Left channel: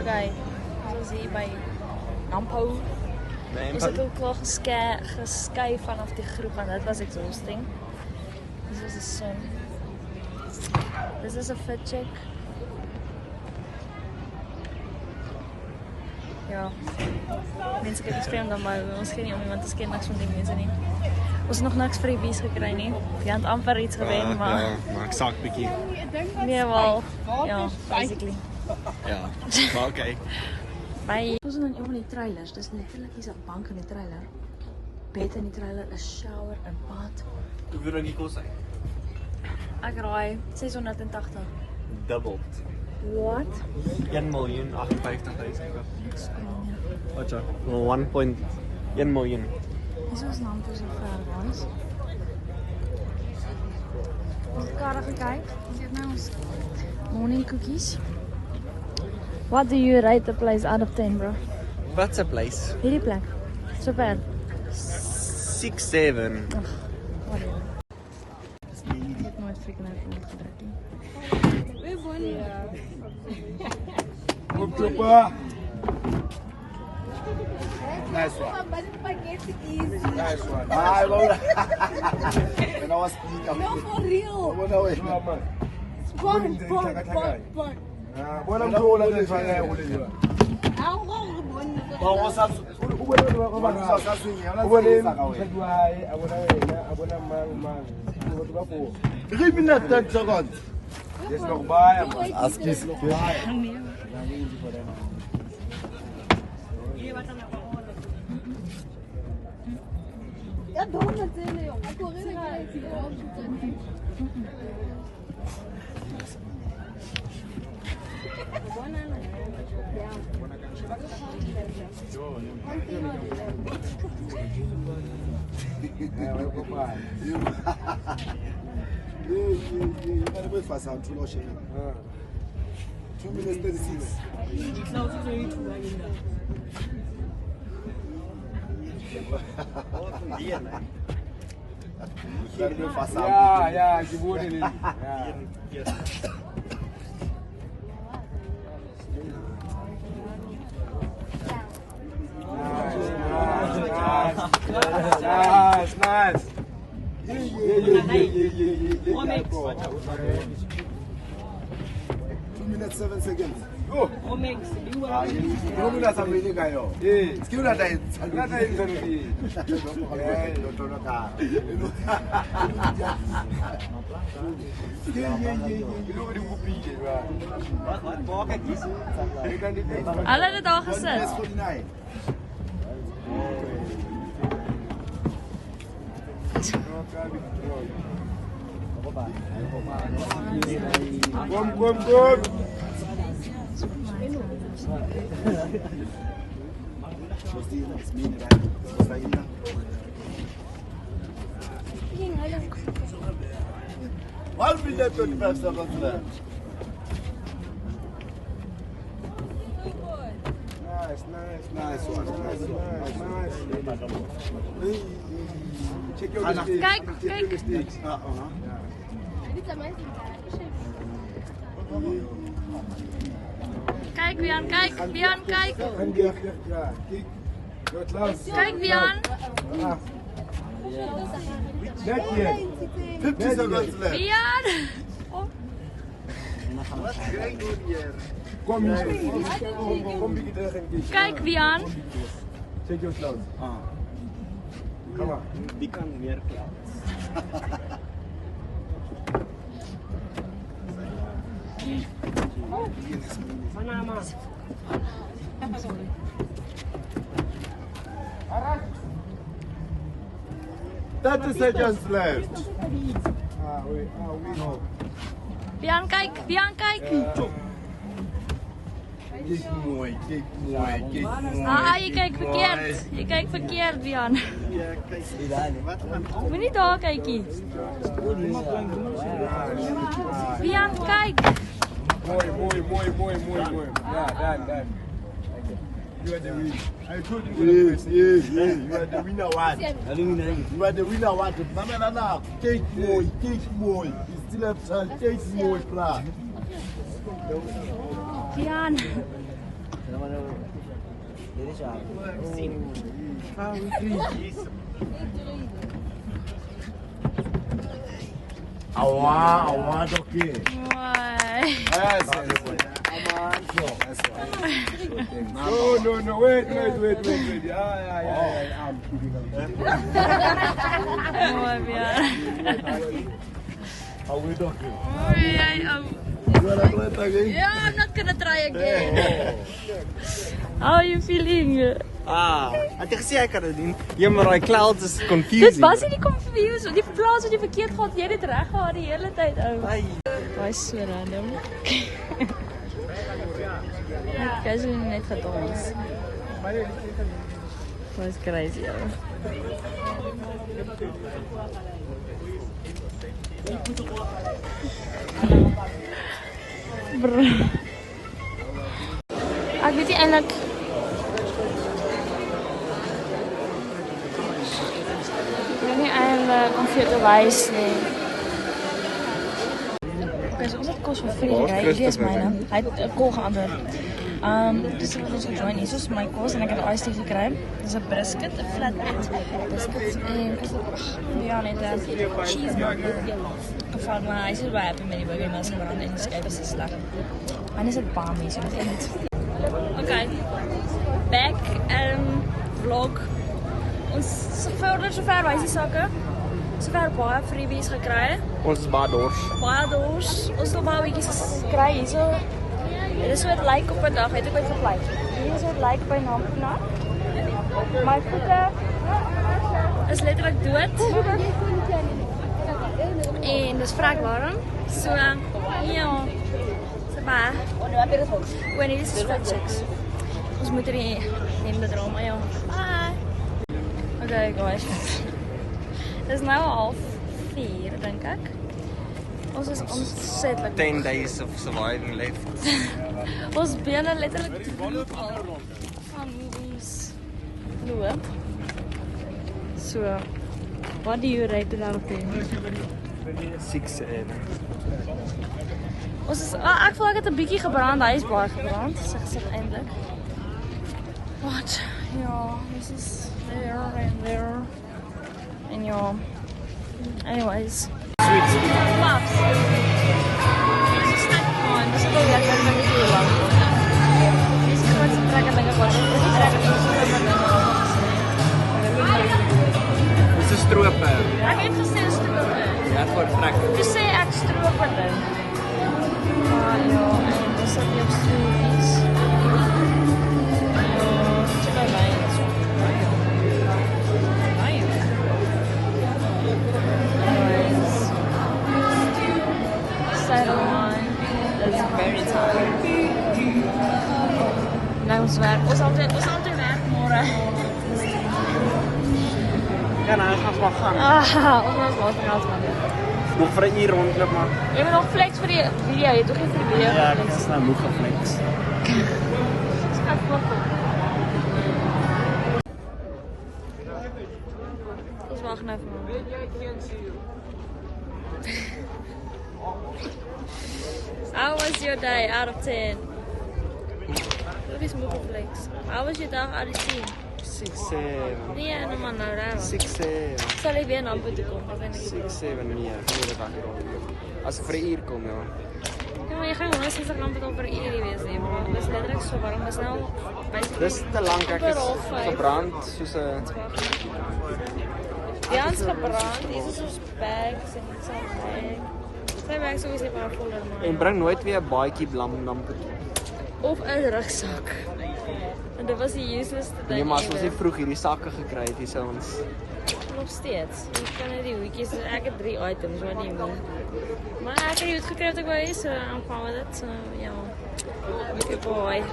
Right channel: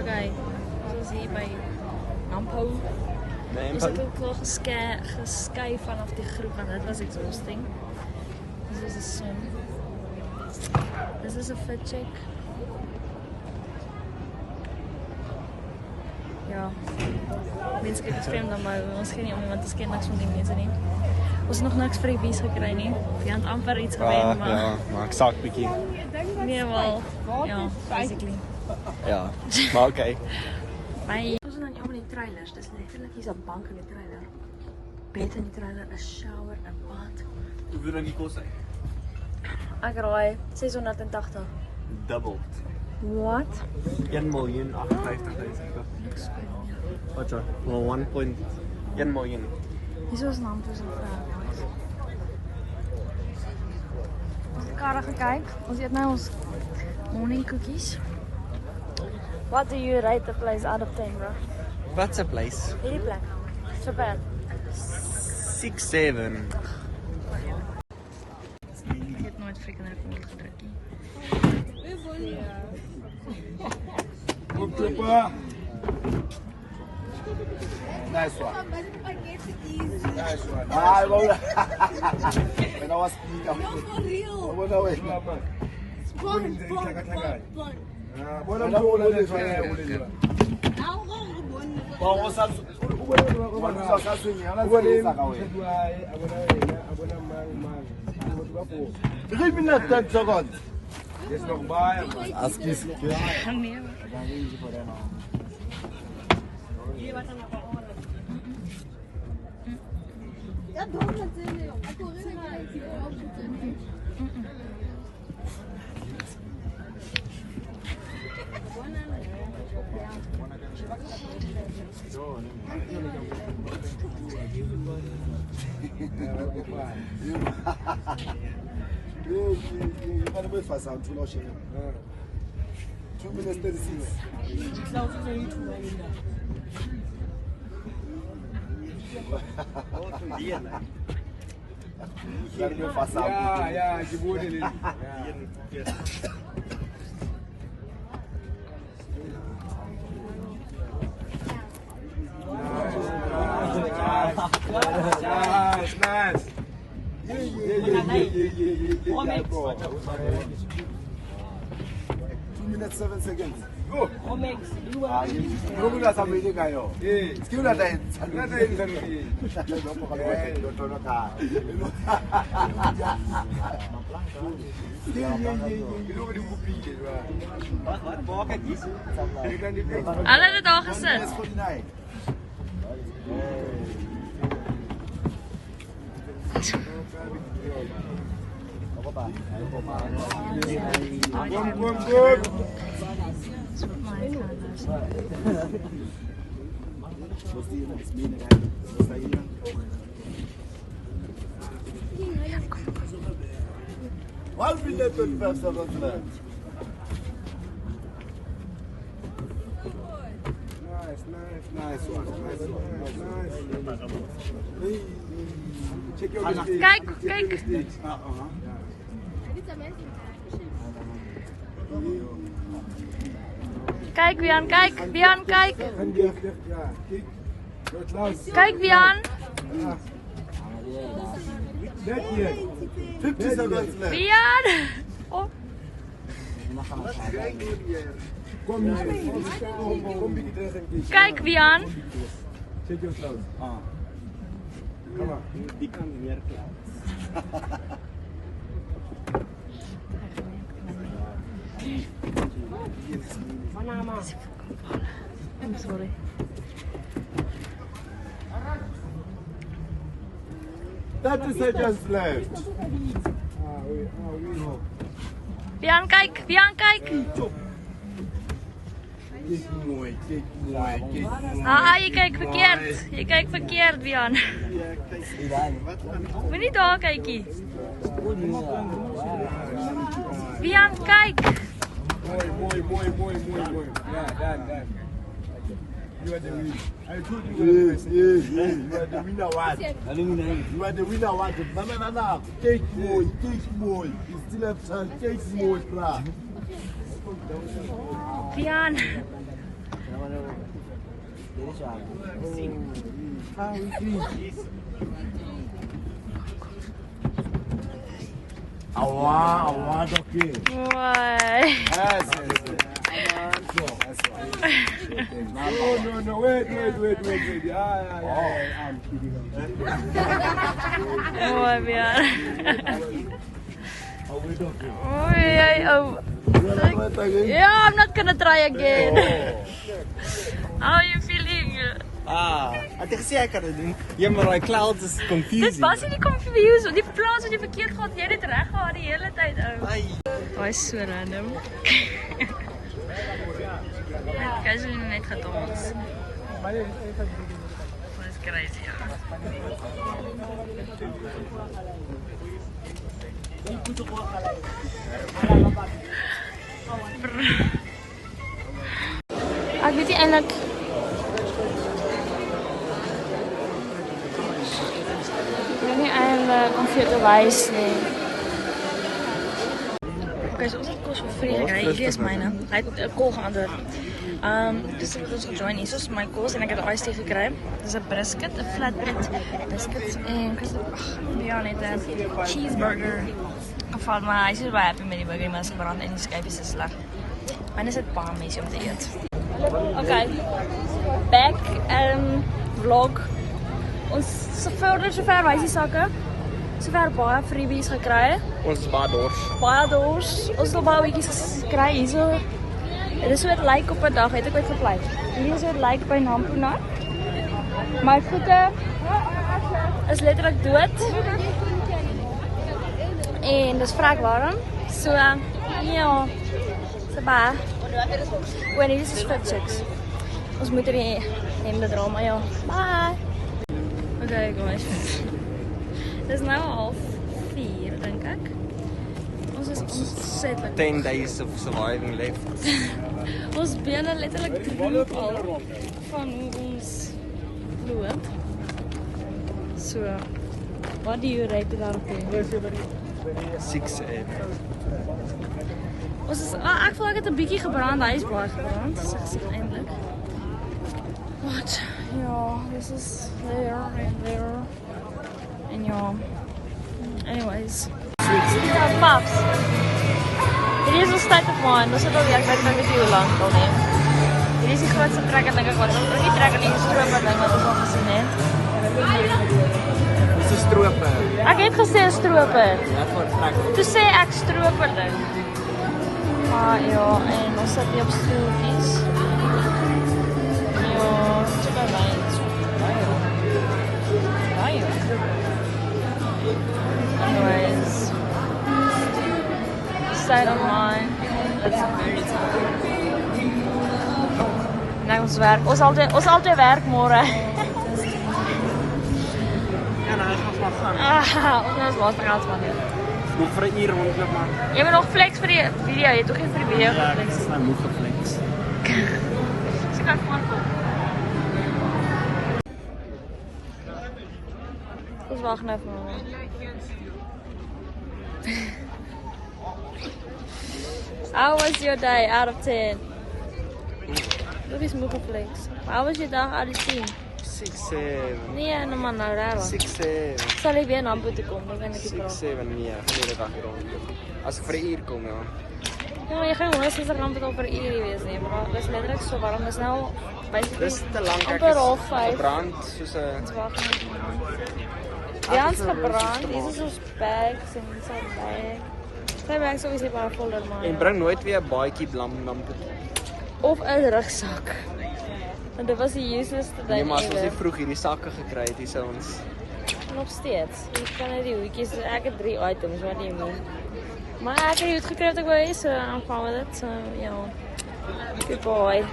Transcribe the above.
Okay, zoals hier bij Nampo. Is het ook wel geskei vanaf die groep, want dat was exhausting. Dit is de zon. Dit is een fit check. Ja, mensen kijken scherm dan maar ons geen niet om iemand te kennen niks van die mensen niet. Ons nog niks freebies gekregen niet. Je hebt amper iets gedaan, maar... Ja, maar ik zag het niet. Nee, wel. Ja, basically. Ja, maar oké. Bye. We zijn allemaal die trailers. Dus letterlijk is een bank in de trailer. Bed in die trailer, een shower, een bad. Hoeveel dat die kost zijn? Ik raai 680. Doubled. What? 1.058.000. Wat ja? 1.1 miljoen. Hoezo is naam zo ver, guys? Ons karre gekeken. Ons eet nou ons morning cookies. What do you rate the place out of 10, bro? What's a place? Hierdie plek. Super. 6, 7. Ik heb nooit freaking uit mijn gedrukt. Kom Chopper. Nice one. Nice one. Ah, wow. When I was speaking. No, for real. What are we? Bon. Bona mthola lethaya kulelo. Hawu ngibona. Bawo sasu. Ubona saswini yala ka wena. Hayi abona wena abona mama ukuthi bapho. 3 minutes 10 seconds. Yes nokubaya man. Askis. Nee. Ja, doe het in. Ik hoor het You gotta wait for some to launch. 2 minutes 36. Ja, ngibone leli. Nice. Yeah. 2 minutes 7 seconds. Go. You will have many guy. Yeah. Skill that I. Ngata yenza lokini. Ilokhu likupile ba. Alle het al gezet. 49. Kom. One minute 25 seconds left. Nice one. Check your mistake. Kijk. Kijk Bian, kijk. Bian, kijk. Ja, kijk. Klaus. Kijk Bian. Net hier. 50 seconds left. Bian. Oh. What's going on here? Kom bietjie terug en kyk. Kijk Bian. Check your Klaus. Kom maar. Die kan meer clouds. I'm sorry. Thirty seconds left. We know. Bian, kijk. Bian, kijk. Kijk mooi. Je kijkt verkeerd. Je kijkt verkeerd, Bian. Ja, kijk. Wat gaan we? Moet niet door kijken. Bian, kijk. Mooi. Ja, done. You are the winner. I told you. Yes. You are the winner. What? You are the winner. What? No. Take more. You still have time. Take more, bra. Bian. Awa, dokter. Why? Yes. No, wait. Yeah. I'm kidding. Why, yeah. How we dokter? Oh, yeah, oh. You wanna do it again? Yeah, I'm not gonna try again. How are you feeling? Ek gesê ek kan dit doen. Ja, maar daai clouds is Dit confusing. was nie confused, die plaas wat jy verkeerd gehad, jy het dit reg gehad die hele tyd, ou. Daai is so random. Net casually net gedans. Dit is crazy, ou. Bro. Ek weet nie eintlik om vir te wys nie. Okay, so ons het kos vir vriende gekry. Hierdie is myne. Hy het 'n kol geantwoord. Dus ek het gejoin hier. Soos my kos en ek het 'n iced tea gekry. Dis 'n brisket, 'n flatbread biscuit en ja, net 'n cheeseburger. Geval maar hy is baie happy met die burger, maar sy brand en die skyf is sleg. Myne is dit baie mense om te eet. Okay. Back vlog. Ons sover wys die sakke. Sover baie freebies gekry. Ons is baie dors. Baie dors. Ons het baie bietjies gekry hierso. Dit is wat lyk op 'n dag, het ek dit gekry. Hier is wat lyk by Nampuna. My voete is letterlik dood. En dis vrek warm. So ja. So baie. Wanneer is dit? Ons moet hier hemde dra, maar ja. Bye. Okay guys. Dit is nou 3:30 dink ek. Ons is ontsettend 10 days of surviving left. Ons bene letterlik droog al van hoe ons loop. So, what do you rate it out of 6-7. Ons is, ek voel ek het 'n bietjie gebrand, hy is baie gebrand, so ek sê eintlik. Wat? Ja, this is there and there. En ja, anyways. Ja, paps. Hier is ons tyd gegaan, ons het al werk, ek weet nie hoe lang al nie. Hier is die grootste trekker ding wat ons ook die trekker nie stroper ding wat ons al gesien het. Dis 'n stroper. Ek het gesê 'n stroper. Wat vir trekker? Toe sê ek stroper ding. Maar ja, en ons sit hier op stoeltjies. Ja, check out lines. Anyways, side of mine. It's very tired. Nou ons werk. Ons altyd werk môre. Ja, nou gaan ons gaan. Ons moet later gaan gaan. Nog vir 'n uur rondloop maar. Jy moet nog flex vir die video, jy het nog nie vir die video Ja, ek geflex. is nou moeg geflex. Ek voel. Ons wag nou vir my. How was your day out of 10? Wat is moeg geflex? How was your dag out of 10? 6-7. Nee, nou maar nou raar. 6-7. Sal ek weer na toe kom, dan kan ek dit 6-7 nee, gaan nie dat dag hier rondloop. As ek vir 'n uur kom, ja. Ja, maar jy gaan R160 betaal per uur wees nie, maar dit is letterlik so warm. Dis nou basically Dis te lank ek amper half is 5. gebrand soos 'n Wag. Ja, ons gebrand. Dis so spek, so mooi. Sy werk so baie baie voller maar. en bring nooit weer 'n baadjie blam nampe toe. Of 'n rugsak. Want dit was die useless ding. Nee, maar as ons nie vroeg hierdie sakke gekry het, hier sou ons Nog steeds. Jy kan net die hoedjies, ek het 3 items, wat do you mean? Maar ek het die hoed gekry wat ek wou hê, so I'm fine with it. So, ja. Good boy.